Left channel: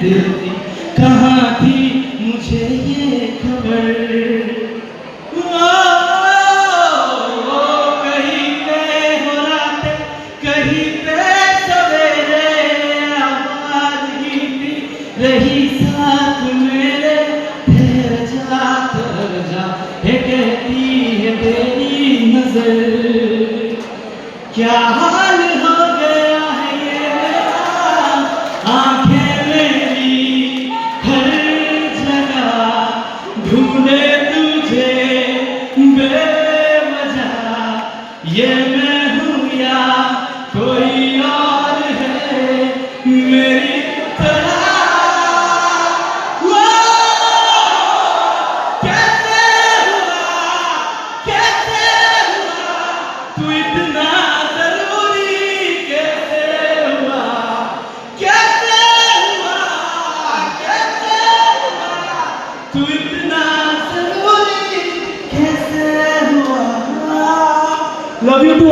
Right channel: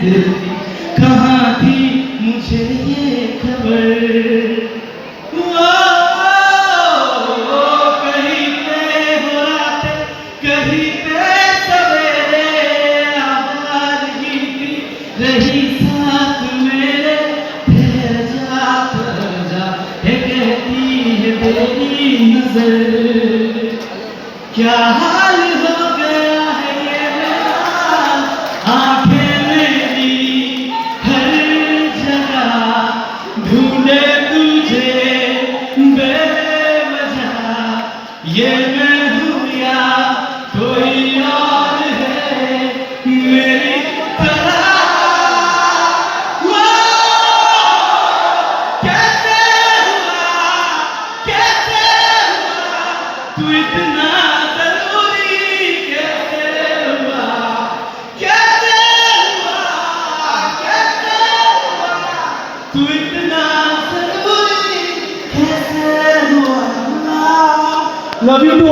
दिल थी कहाँ थी मुझे ये खबर। कहीं पे हो रात कहीं पे सवेरे आवाज ही थी रही साथ मेरे ठहर जा है कहती है तेरी नजर। क्या हाल हो गया है ये मेरा आंखें मेरी हर जगह ढूंढे तुझे बेवजह। ये मैं हूँ या कोई और है मेरी तरह। वो कैसे हुआ तू इतना जरूरी कैसे हुआ तू इतना जरूरी कैसे हुआ। Love you to